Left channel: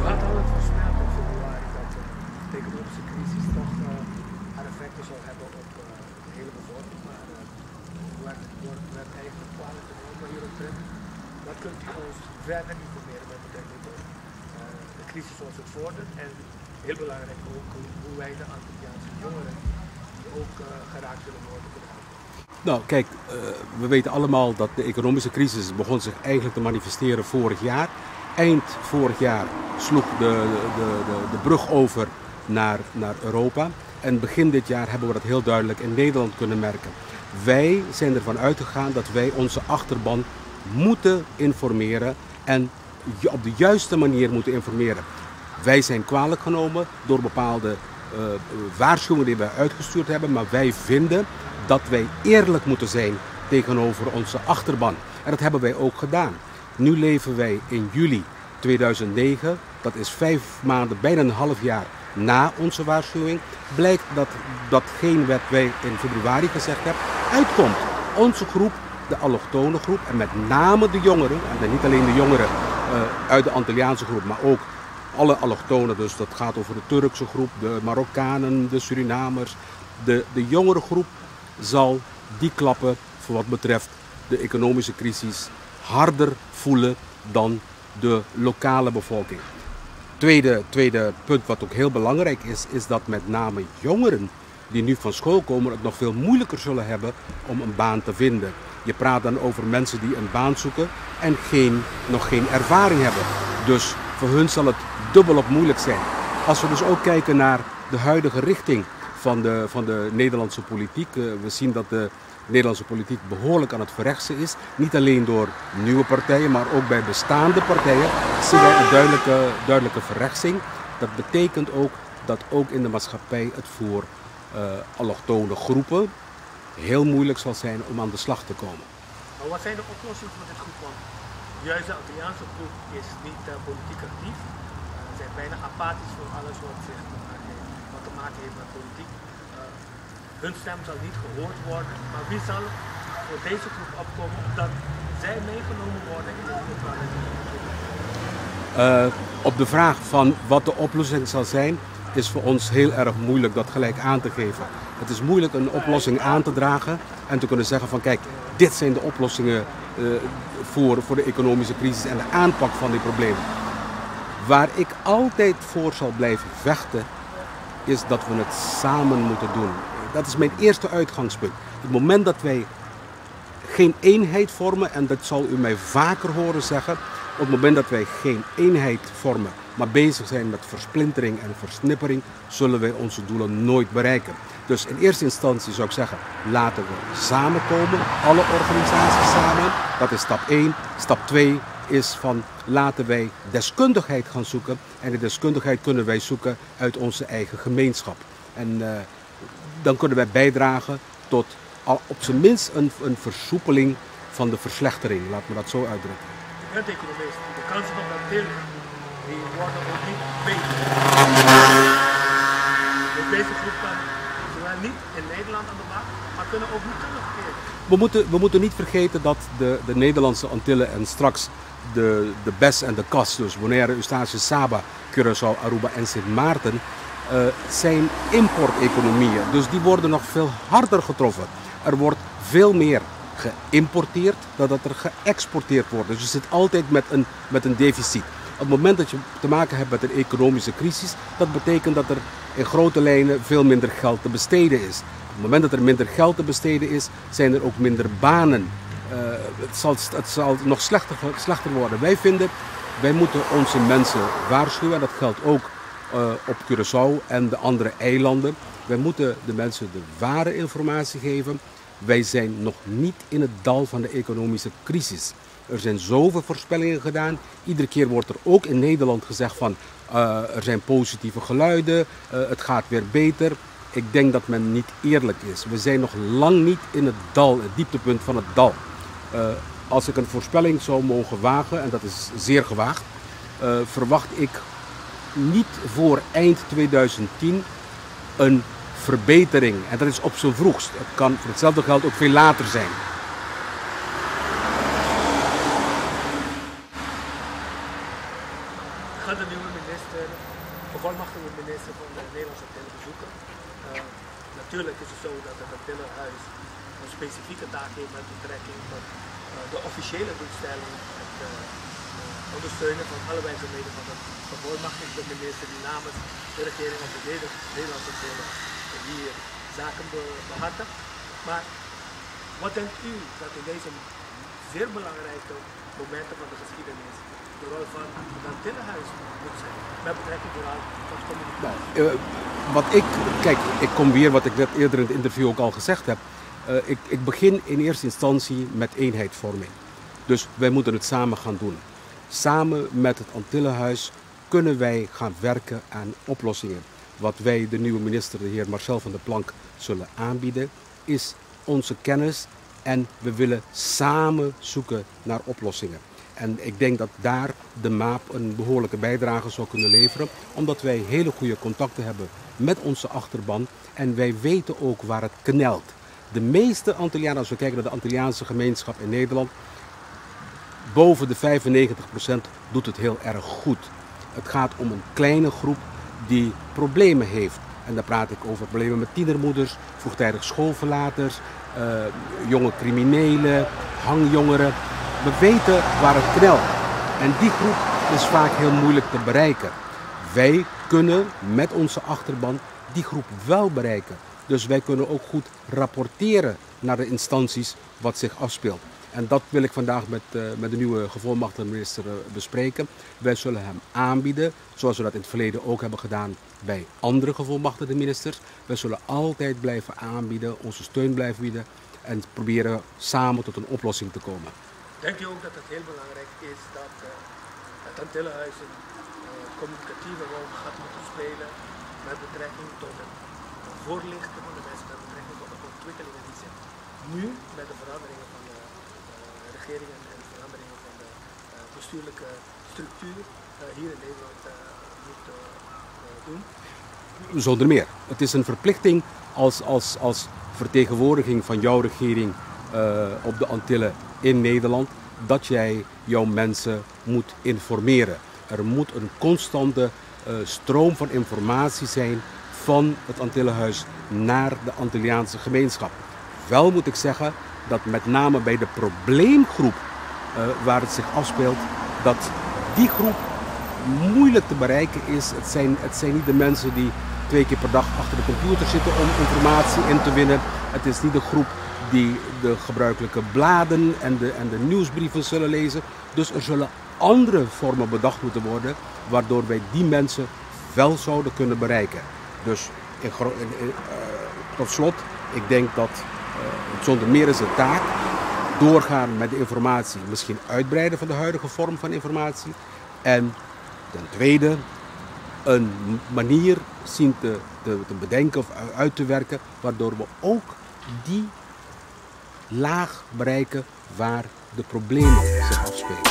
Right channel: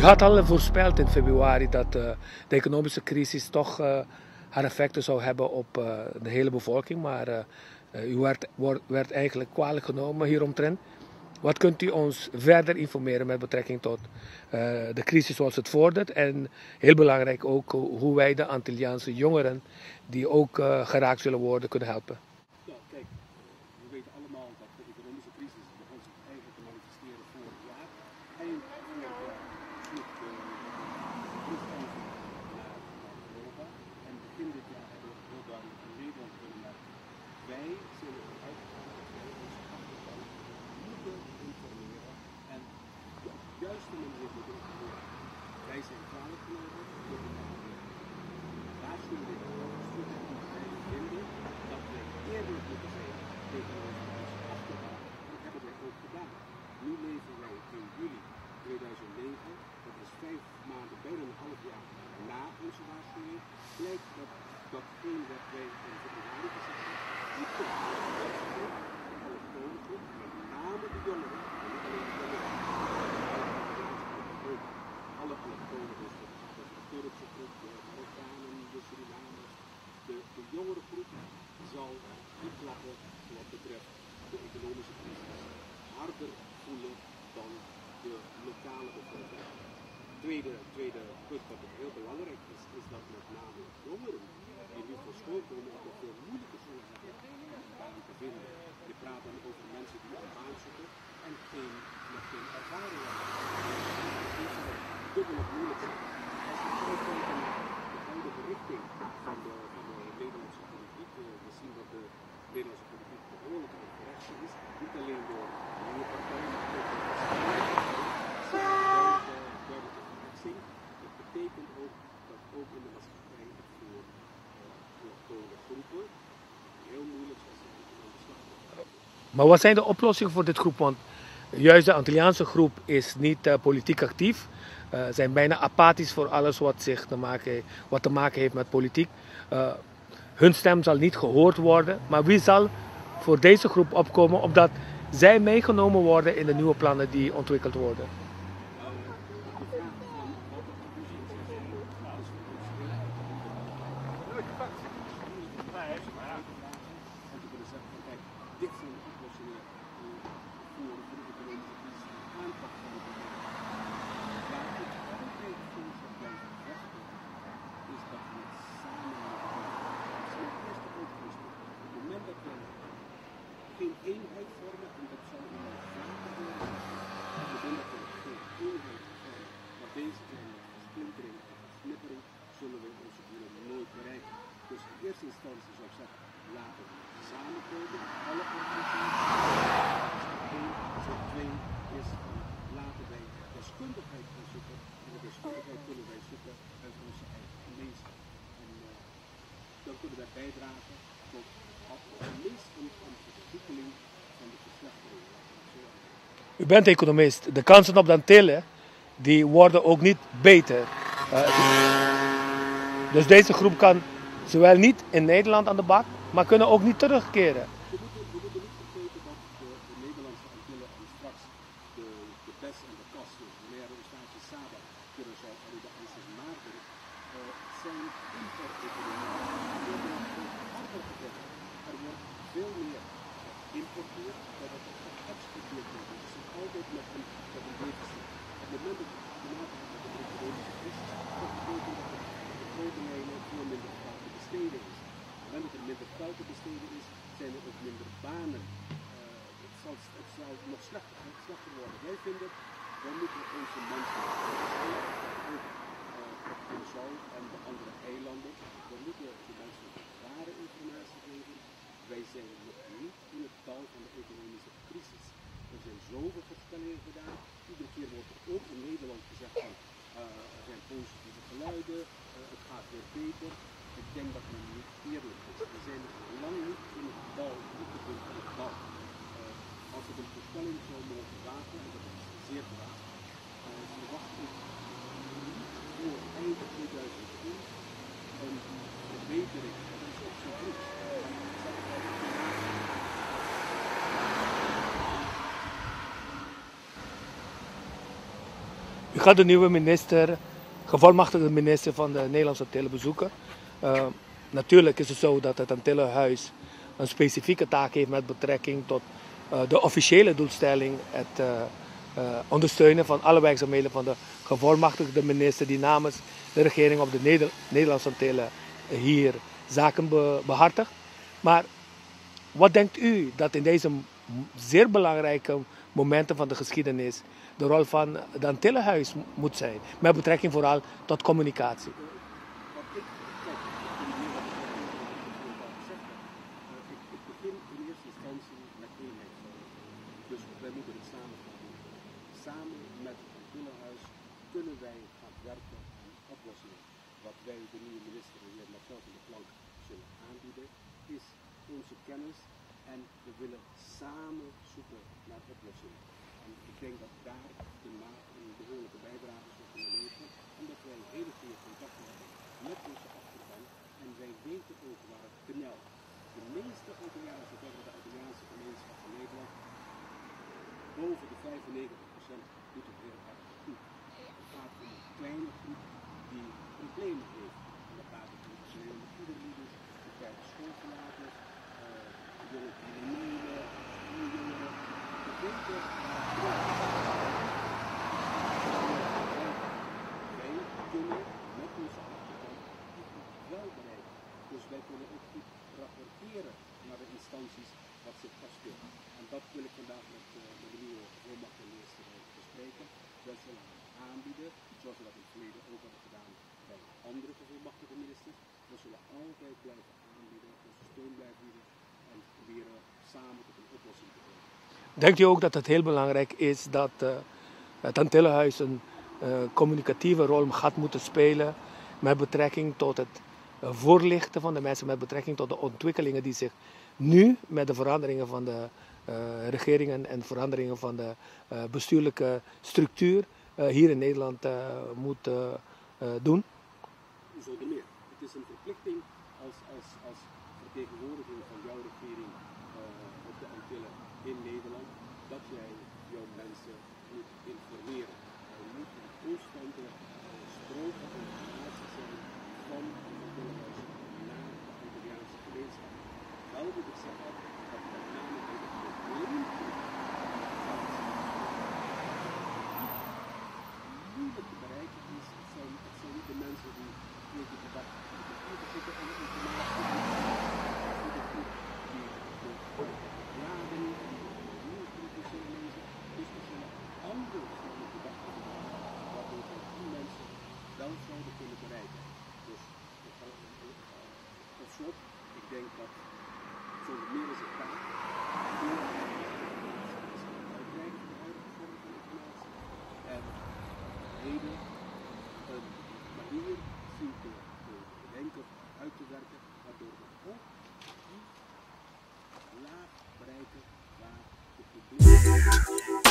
U had al voorspeld in februari dat de economische crisis toch haar effecten zou hebben op de hele bevolking, maar u werd eigenlijk kwalijk genomen hieromtrent. Wat kunt u ons verder informeren met betrekking tot de crisis zoals het vordert en heel belangrijk ook hoe wij de Antilliaanse jongeren die ook geraakt zullen worden kunnen helpen? Nou kijk, we weten allemaal dat de economische crisis begon zich eigenlijk te manifesteren vorig jaar. Eind vorig jaar sloeg de brug over naar Europa. En begin dit jaar hebben we dat heel duidelijk in Nederland kunnen merken. Wij zijn ervan uitgegaan dat wij onze achterban moeten informeren en op de juiste manier moeten informeren. Wij zijn kwalijk genomen door bepaalde waarschuwingen die wij uitgestuurd hebben, maar wij vinden dat wij eerlijk moeten zijn tegenover onze achterban. En dat hebben wij ook gedaan. Nu leven wij in juli 2009, dat is 5 maanden, bijna een half jaar na onze waarschuwing. Blijkt dat datgene wat wij in februari gezegd hebben, uitkomt. Onze groep, de allochtone groep en met name de jongeren, en niet alleen de jongeren uit de Antilliaanse groep, maar ook alle allochtonen, dus dat gaat over de Turkse groep, de Marokkanen, de Surinamers. De jongere groep zal die klappen voor wat betreft de economische crisis harder voelen dan de lokale bevolking. Tweede punt wat ook heel belangrijk is dat met name jongeren die nu van school komen het nog veel moeilijker zullen hebben om een baan te vinden. Je praat dan over mensen die een baan zoeken en nog geen ervaring hebben. Dus voor hun zal het dubbelop moeilijk zijn. Als we dus ook kijken naar de huidige richting van de Nederlandse politiek. We zien dat de Nederlandse politiek behoorlijk aan het verrechtsen is. Niet alleen door nieuwe partijen, maar ook bij bestaande partijen zien wij een duidelijke verrechtsing. Dat betekent ook dat ook in de maatschappij het voor allochtone groepen heel moeilijk zal zijn om aan de slag te komen. Maar wat zijn de oplossingen voor dit groep? Want juist de Antilliaanse groep is niet politiek actief. Zijn bijna apathisch voor alles wat te maken heeft met politiek. Hun stem zal niet gehoord worden. Maar wie zal voor deze groep opkomen opdat zij meegenomen worden in de nieuwe plannen die ontwikkeld worden? Op de vraag van wat de oplossing zal zijn, is voor ons heel erg moeilijk dat gelijk aan te geven. Het is moeilijk een oplossing aan te dragen en te kunnen zeggen van kijk, dit zijn de oplossingen voor de economische crisis en de aanpak van die problemen. Waar ik altijd voor zal blijven vechten, is dat we het samen moeten doen. Dat is mijn eerste uitgangspunt. Op het moment dat wij geen eenheid vormen, en dat zal u mij vaker horen zeggen, op het moment dat wij geen eenheid vormen, maar bezig zijn met versplintering en versnippering, zullen wij onze doelen nooit bereiken. Dus in eerste instantie zou ik zeggen, laten we samenkomen, alle organisaties samen. Dat is stap 1. Stap 2 is van laten wij deskundigheid gaan zoeken. En die deskundigheid kunnen wij zoeken uit onze eigen gemeenschap. En dan kunnen wij bijdragen tot op zijn minst een versoepeling van de verslechtering. Laat me dat zo uitdrukken. U bent economist. De kansen op de Antillen, die worden ook niet beter. Dus deze groep kan zowel niet in Nederland aan de bak, maar kunnen ook niet terugkeren. We moeten niet vergeten dat de Nederlandse Antillen en straks de BES en de CAS, dus Bonaire, Eustatius, Saba, Curaçao, Aruba en Sint Maarten, zijn importeconomieën. Dus die worden nog veel harder getroffen. Er wordt veel meer geïmporteerd dan dat er geëxporteerd wordt. Dus je zit altijd met een deficit. Op het moment dat je te maken hebt met een economische crisis, dat betekent dat er in grote lijnen veel minder geld te besteden is. Op het moment dat er minder geld te besteden is, zijn er ook minder banen. Het zal nog slechter worden. Wij vinden, wij moeten onze mensen waarschuwen. En dat geldt ook op Curaçao en de andere eilanden. Wij moeten de mensen de ware informatie geven. Wij zijn nog niet in het dal van de economische crisis. Er zijn zoveel voorspellingen gedaan. Iedere keer wordt er ook in Nederland gezegd van er zijn positieve geluiden, het gaat weer beter. Ik denk dat men niet eerlijk is. We zijn nog lang niet in het dal, het dieptepunt van het dal. Als ik een voorspelling zou mogen wagen, en dat is zeer gewaagd, verwacht ik niet voor eind 2010 een verbetering. En dat is op zijn vroegst. Het kan voor hetzelfde geld ook veel later zijn. U gaat de nieuwe minister, gevolmachtigde minister van de Nederlandse Antillen bezoeken. Natuurlijk is het zo dat het Antillenhuis een specifieke taak heeft met betrekking tot de officiële doelstelling, het ondersteunen van alle werkzaamheden van de gevolmachtigde minister die namens de regering op de Nederlandse Antillen hier zaken behartigt. Maar wat denkt u dat in deze zeer belangrijke momenten van de geschiedenis de rol van het Antillenhuis moet zijn, met betrekking vooral tot communicatie? Ik kom weer wat ik net eerder in het interview ook al gezegd heb. Ik begin in eerste instantie met eenheidsvorming. Dus wij moeten het samen gaan doen. Samen met het Antillenhuis kunnen wij gaan werken aan oplossingen. Wat wij de nieuwe minister, de heer Marcel van der Planck, zullen aanbieden, is onze kennis en we willen samen zoeken naar oplossingen. En ik denk dat daar de MAAP een behoorlijke bijdrage zou kunnen leveren, omdat wij hele goede contacten hebben met onze achterban en wij weten ook waar het knelt. De meeste Antillianen, als we kijken naar de Antilliaanse gemeenschap in Nederland, boven de 95% doet het heel erg goed. Het gaat om een kleine groep die problemen heeft. En daar praat ik over problemen met tienermoeders, vroegtijdig schoolverlaters, jonge criminelen, hangjongeren. We weten waar het knelt. En die groep is vaak heel moeilijk te bereiken. Wij kunnen met onze achterban die groep wel bereiken. Dus wij kunnen ook goed rapporteren naar de instanties wat zich afspeelt. En dat wil ik vandaag met de nieuwe gevolmachtigde minister bespreken. Wij zullen hem aanbieden, zoals we dat in het verleden ook hebben gedaan bij andere gevolmachtigde ministers. Wij zullen altijd blijven aanbieden, onze steun blijven bieden en proberen samen tot een oplossing te komen. Denkt u ook dat het heel belangrijk is dat het Antillenhuis een communicatieve rol gaat moeten spelen met betrekking tot het voorlichten van de mensen, met betrekking tot de ontwikkelingen die zich nu met de veranderingen van de regeringen en veranderingen van de bestuurlijke structuur hier in Nederland moet doen? Zonder meer. Het is een verplichting als vertegenwoordiging van jouw regering op de Antillen in Nederland, dat jij jouw mensen moet informeren. Er moet een constante stroom van informatie zijn van het Antillenhuis naar de Antilliaanse gemeenschap. Wel moet ik zeggen dat met name bij de probleemgroep waar het zich afspeelt, dat die groep moeilijk te bereiken is. Het zijn niet de mensen die 2 keer per dag achter de computer zitten om informatie in te winnen. Het is niet de groep die de gebruikelijke bladen en de nieuwsbrieven zullen lezen. Dus er zullen andere vormen bedacht moeten worden waardoor wij die mensen wel zouden kunnen bereiken. Dus tot slot, ik denk dat zonder meer is de taak doorgaan met de informatie, misschien uitbreiden van de huidige vorm van informatie. En ten tweede een manier zien te bedenken of uit te werken waardoor we ook die laag bereiken waar de problemen zich afspelen.